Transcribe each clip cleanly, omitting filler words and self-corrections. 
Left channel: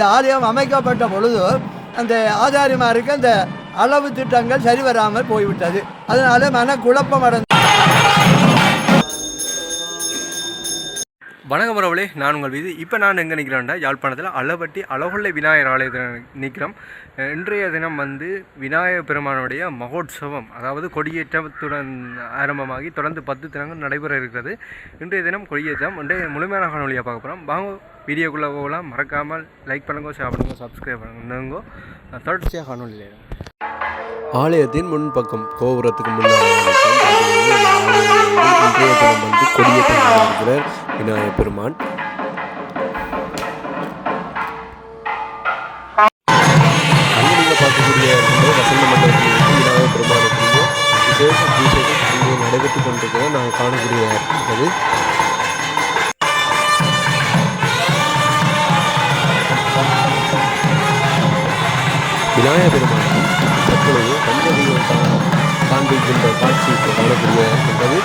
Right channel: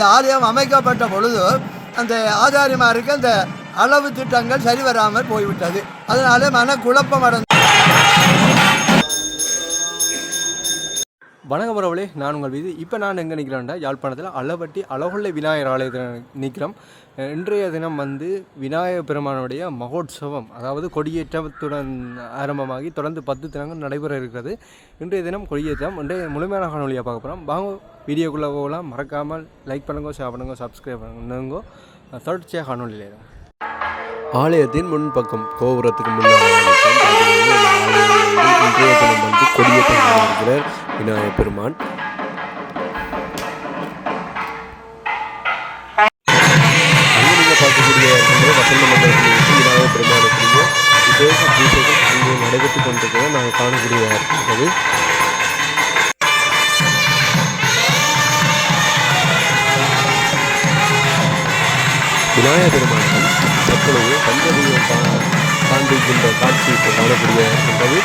இந்த ஆலயம் அமைக்கப்பட்ட பொழுது அந்த ஆதாரிமாருக்கு அந்த அளவு திட்டங்கள் சரி வராமல் போய்விட்டது. அதனால மனக்குழப்பம் அடைந்து. வணக்கம் உறவுகளே, நான் உங்கள் வீதி. இப்போ நான் எங்கே நிற்கிறேன்டா, யாழ்ப்பாணத்தில் அளவட்டி அழகொள்ளை விநாயகர் ஆலயத்தில் நிற்கிறோம். இன்றைய தினம் விநாயகர் பெருமானுடைய மகோத்சவம், அதாவது கொடியேற்றத்துடன் ஆரம்பமாகி தொடர்ந்து 10 தினங்கள் நடைபெற இருக்கிறது. இன்றைய தினம் கொடியேற்றம். இன்றைய முழுமையான காணொலியாக பார்க்க போகிறோம். வாங்க வீடியோக்குள்ளே போகலாம். மறக்காமல் லைக் பண்ணுங்க, ஷேர் பண்ணுங்க, சப்ஸ்கிரைப் பண்ணுங்க. தொடர்ச்சியாக காணொலியில் இருக்கும். ஆலயத்தின் முன்பக்கம் கோபுரத்துக்கு முன்னால் இன்றைய தினம் கொடியேற்றம் இருக்கிறார் விநாயகர் பெருமான். அங்கே நீங்கள் பார்க்கக்கூடிய வசந்த மண்டபத்தில் விநாயகர் பெருமானுக்குரிய விசேஷ பூஜைகள் அங்கே நடைபெற்று கொண்டிருக்கிறத நாங்கள் காணக்கூடியதாக இருக்கிறது. விநாயகர் பெருமானுக்கு தற்பொழுது பஞ்சதெய்வம் காண்பிக்கின்ற காட்சி காணக்கூடியதாக இருக்கின்றது.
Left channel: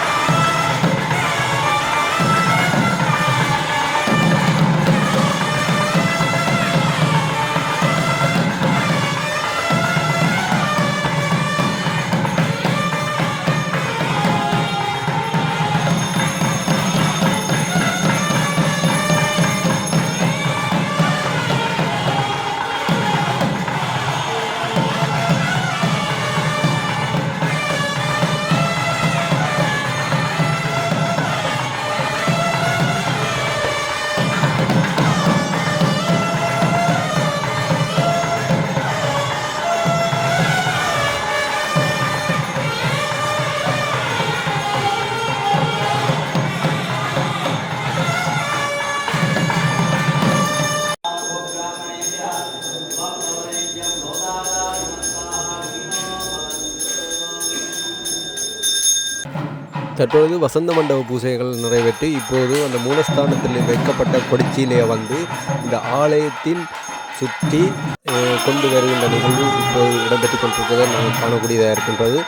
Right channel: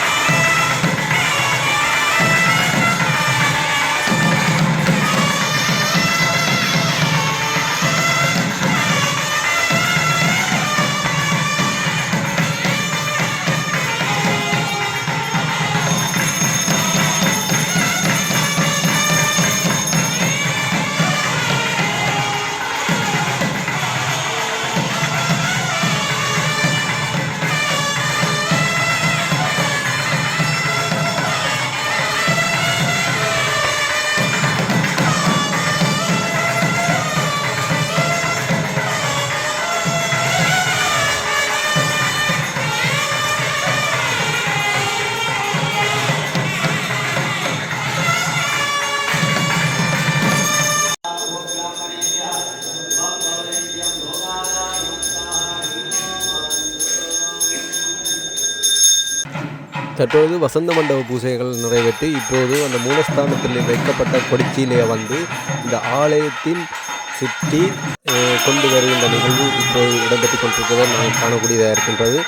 தற்பொழுது வசந்த மண்டப பூஜைகள் நிறைவேற்றி இப்போது அந்த மூலஸ்தானத்தில் வைக்கப்பட்ட கொடிச்சீலையை இந்த ஆலயத்தின் சுற்றி கொண்டு வருகின்ற நிகழ்வு இப்போது இடம்பெற்று கொண்டிருக்கிறதை நாங்கள் காணக்கூடியதாக இருக்கின்றது.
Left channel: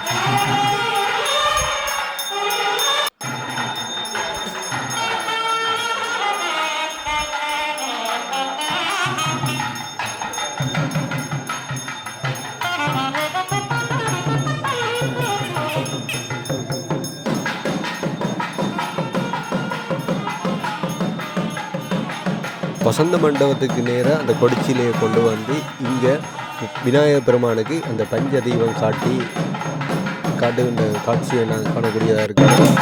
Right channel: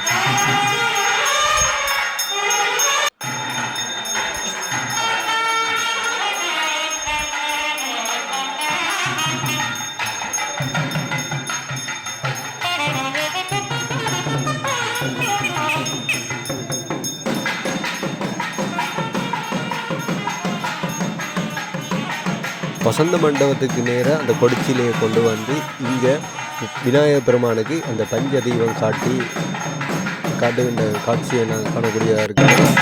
வசந்த மண்டபத்துக்கு நேராக அந்த கொடிச்சிலையை கொண்டு இங்கே விநாயகர் பெருமானுக்கு அந்த பஞ்ச தெய்வம் காட்டுகின்ற காட்சியை நாங்கள் காணக்கூடியதாக இருக்கிறோம்.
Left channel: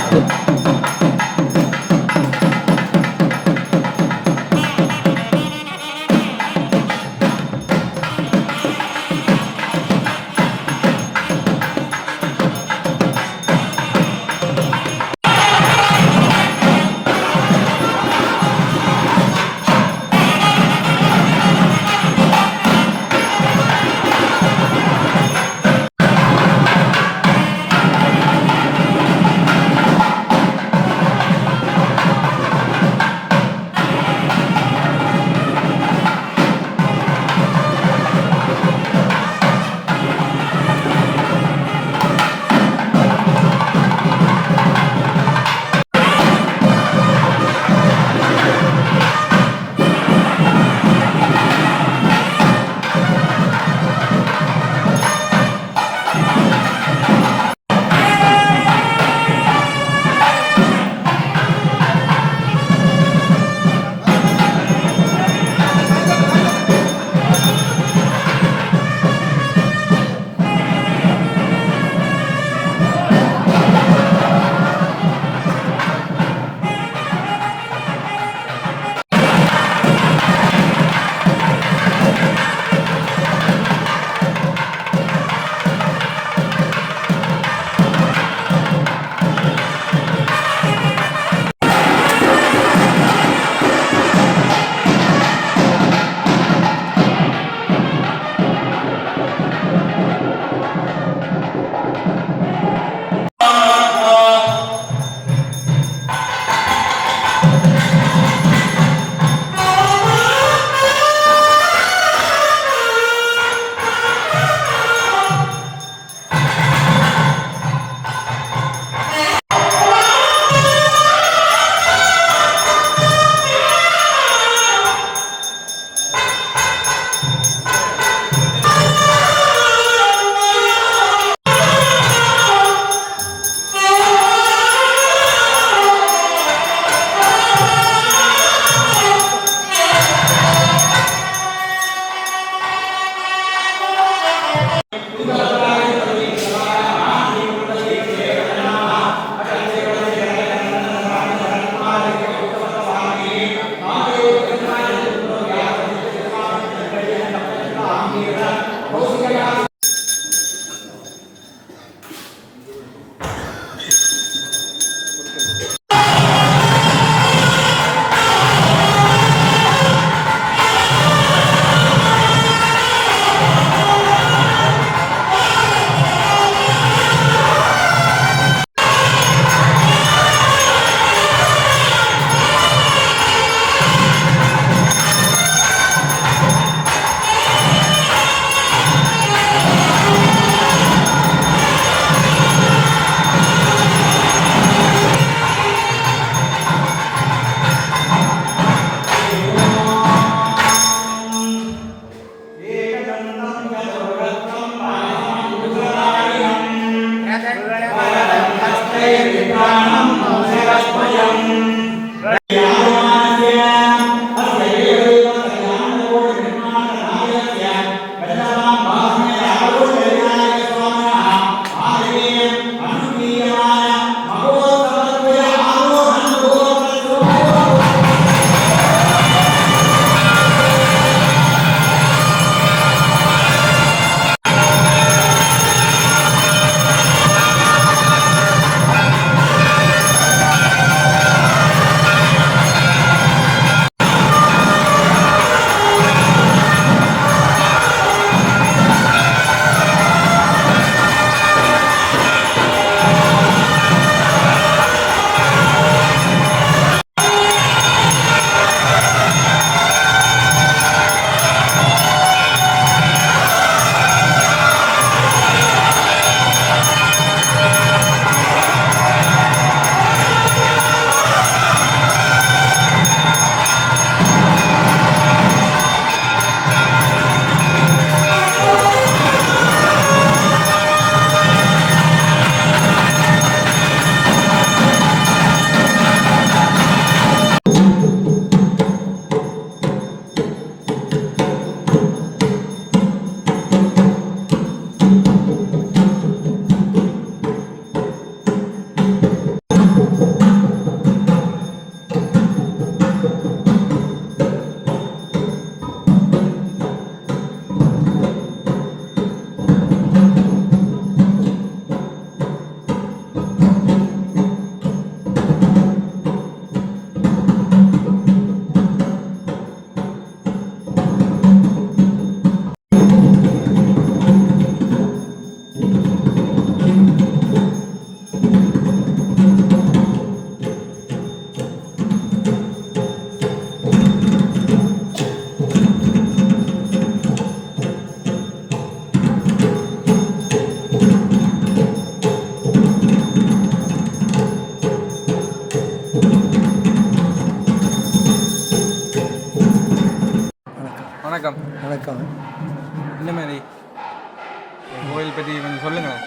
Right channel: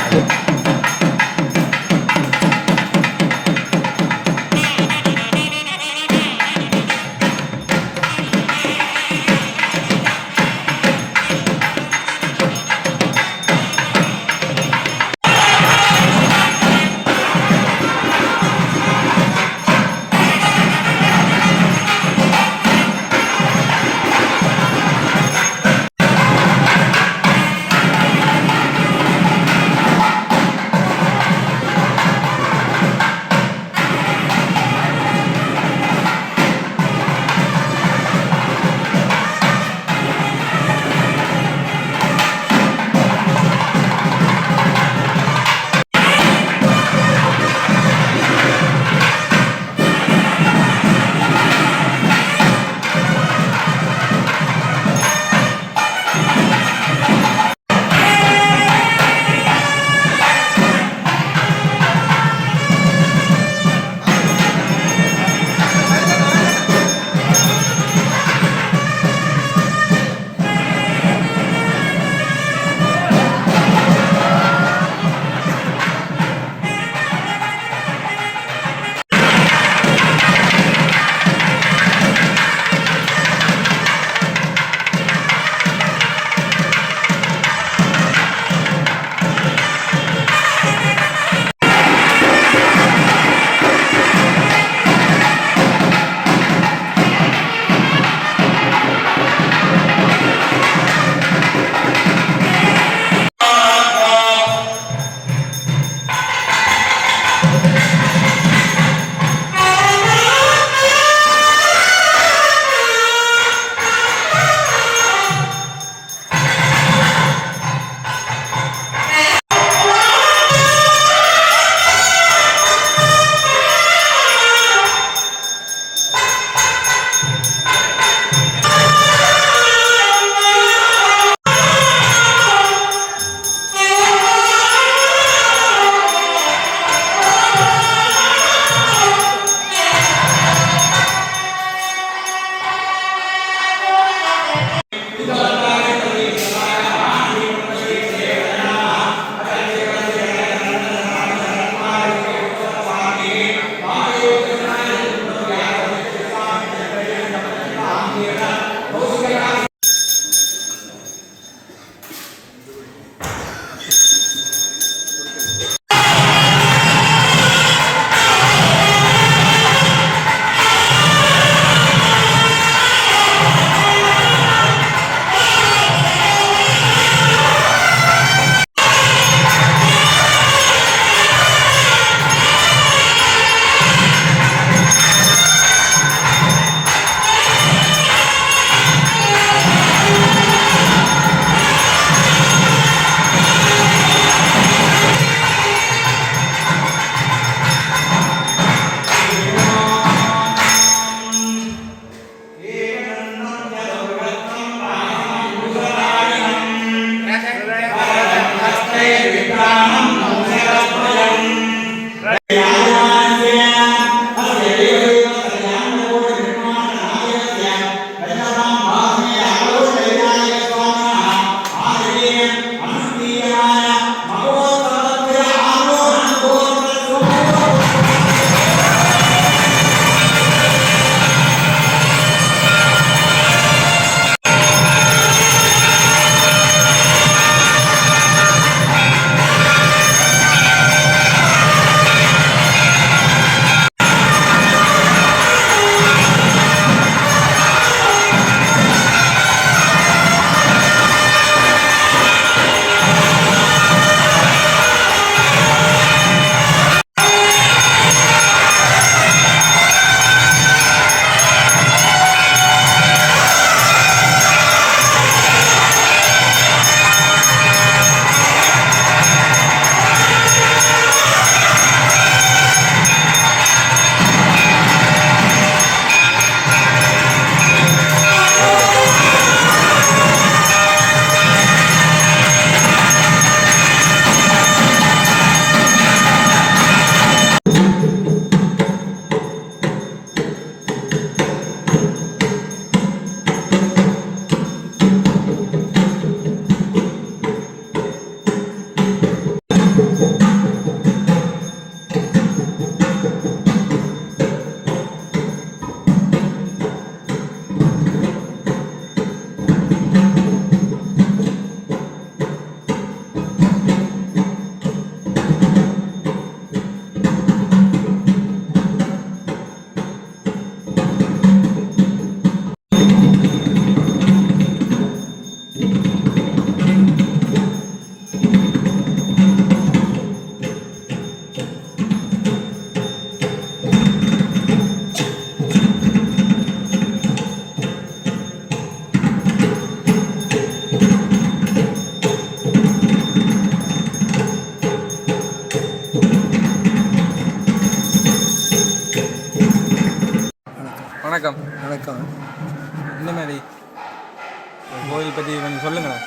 கோயில் பற்றி கொஞ்சம் சொல்லுங்களேன்.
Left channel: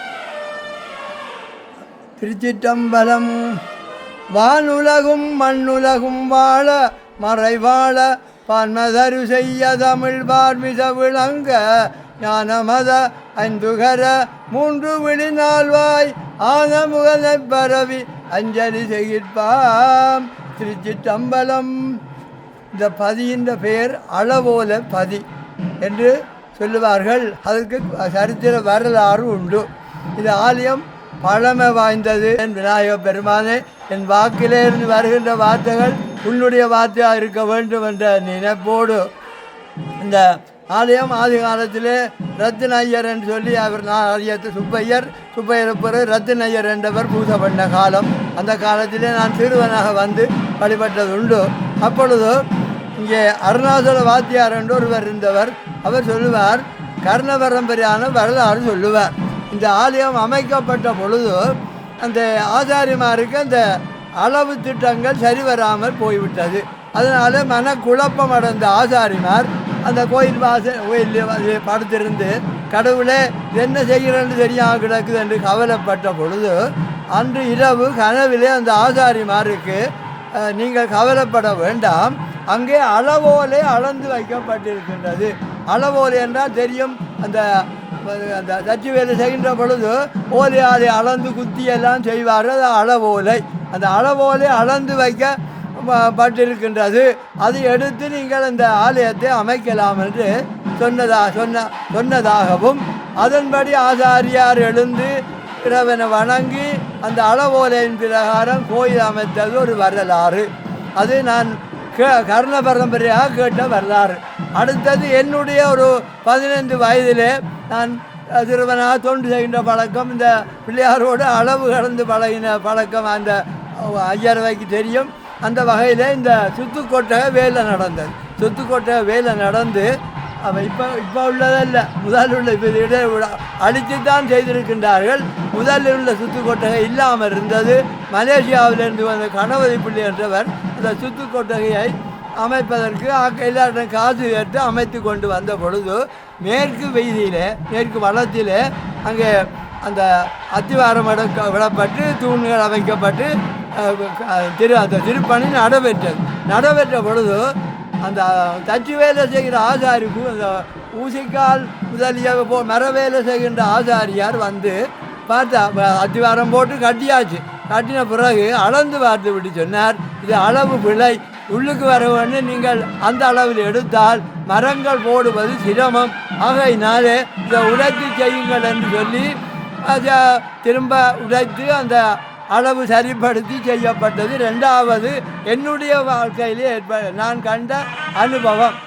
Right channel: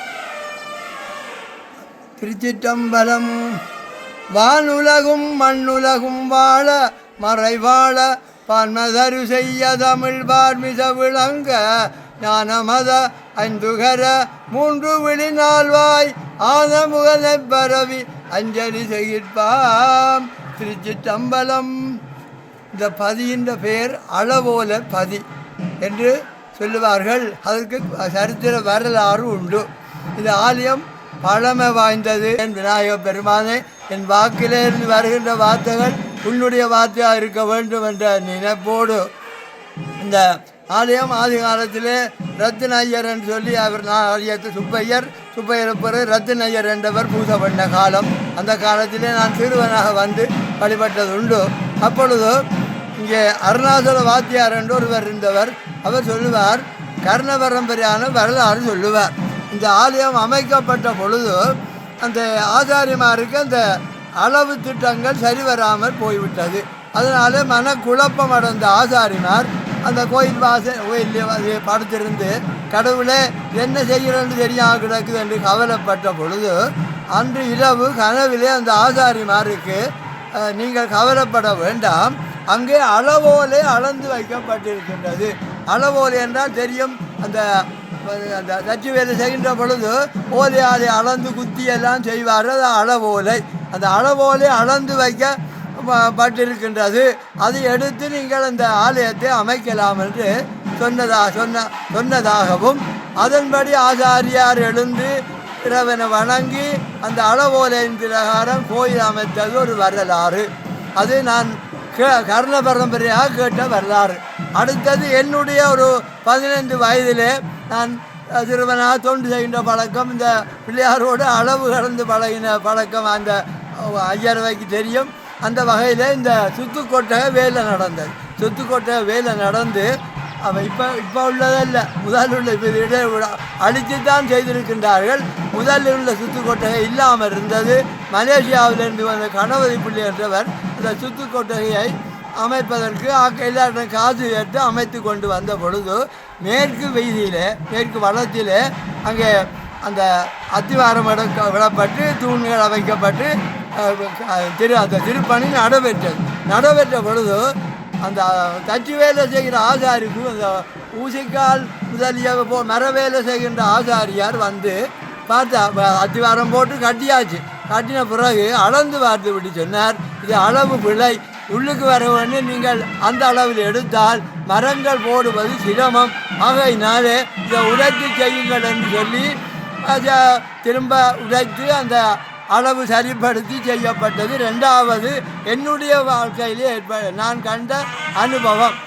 திருச்சிற்றம்பலம். வானுலகும் மண்ணுலகும் வாழ மறைவாழ பன்மதரு செய்ய தமிழ் பார்மிச விளங்க ஞானமத ஐந்துகர மூன்று விழிநாள்வாய் ஆனமுகனை பரவி அஞ்சலி செய்கிற்பாம். திருச்சிற்றம்பலம். இந்த பதியின் பெயர் அளவோல பதி என்று சொல்லுவார்கள். அதற்கு சரித்திர வரலாறு உண்டு. இந்த ஆலயம் பழமை வாய்ந்தது. என் விநாயக பெருமானே, என் வாக்கிலிருந்து வருகின்ற வார்த்தைகள் உன்னுடைய வார்த்தையாக இருக்க வேண்டும் என்ற நினைப்போடு இந்த ஆலயம் ஆதி காலத்திலே ரத்தின ஐயர் என்று சொல்லி அவர் ஆலயத்து சுப்பையர் பிறகு ரத்தின ஐயர் என்றவர் பூஜை பண்ண காலம். அந்த காலத்திலே நான் சிறுவனாக வந்து வழிபட்டது உண்டு. அப்பொழுது இங்கே அருணாசல வாத்தியார் என்று ஒருவர் இருந்தவர். அவர் சொல்லுவார், கர்ண பரம்பரையான வரலாறு சொல்லுவார். இந்த ஆலயம் அமைக்கப்பட்ட பொழுது அந்த ஆச்சாரியமாருக்கு அந்த அளவு திட்டங்கள் சரி வராமல் போய்விட்டது. அதனால் மனக்குழப்பம் அடைந்த ஆச்சாரிமார் அந்த கோயில் கோயில் படுத்திருந்து கடவுளே என்ன செய்கிறேன்னு தெரியாமல் கிடக்குது என்று கவலைப்பட்ட பொழுது அன்று இரவு கனவிலே அந்த ஆச்சாரிமாருக்கு நீங்கள் கவலைப்பட வேண்டாம், அங்கே அளவோலே அளந்து வைக்கப்பட்டிருக்கின்றது. அளவோலை என்றால் தெரியும், அந்த அந்த தச்சு வேலை செய்கின்ற பொழுது ஓலையாலை அளந்து குத்தியெல்லாம் செய்வார்கள். அது அளவோலை. அந்த அளவோலை அளந்து வைக்கப்பட்டிருக்கின்றது. அதை எடுத்து நீங்கள் அந்த ஆலயத்தை அமைக்கலாம் என்று சொன்னதாகவும் அதன்படி ஆச்சாரியார் எழுந்து இறைவனை வணங்கி அந்த அளவோலையின் பிரகாரம் கோயில் அமைத்தது ஒரு வரலாறு. அது நான் கர்ண பரம்பரையாக கேட்ட வரலாறு. அடுத்தது என்னுடைய ஒரு 15 வயதிலே நான் சிறுவனாக தொண்டு செய்கின்ற பழக்கம், இந்த பிள்ளையாரோடு அளவு கடந்து பழகின பழக்கம் அந்த ஐயரவைக்கு தெரியும். அந்த வகையில் இந்த சுத்துக்கொட்டகை வேலை நடந்தது. சுத்துக்கொட்டகை வேலை நடந்து அவன் இப்போ உள்ளதல்ல, முதல் உள்ள இப்போ அழித்து தான் செய்திருக்கின்றார்கள். முதலில் உள்ள சுத்துக்கொட்டகை இல்லாமல் இருந்தது. மலேசியாவிலிருந்து வந்த கணபதி பிள்ளை என்றவர் அந்த சுத்துக்கொட்டகையை அமைப்பதற்கு எல்லாரும் காசு கேட்டு அமைத்து கொண்டு வந்த பொழுது மேற்கு வீதியில் மேற்கு வளத்தில் அங்கே அந்த அத்திவாரம் விடப்பட்டு தூண்கள் அமைக்கப்பட்டு அந்த திருப்பணி நடைபெற்ற பொழுது அந்த தச்சு வேலை செய்கிற ஆசாரிக்கு அந்த ஊசிக்கால் முதலிய மர வேலை செய்கின்ற ஆசாரியார் வந்து பார்த்தா அத்திவாரம் போட்டு கட்டியாச்சு. கட்டின பிறகு அளந்து பார்த்து விட்டு சொன்னார், இது அளவு பிழை, உள்ளுக்கு வர வேண்டும், நீங்கள் அந்த அளவில் எடுத்தால் மரங்கள் போடுவது சிரமம், ஆகையினாலே இதை உடைத்து செய்யுங்கள் என்று சொல்லி திரும்ப உடைத்து அந்த அளவு சரிப்படுத்தி செய்யப்பட்டது. ரெண்டாவது என்னுடைய வாழ்க்கையிலே நான் கண்ட அனுபவம்.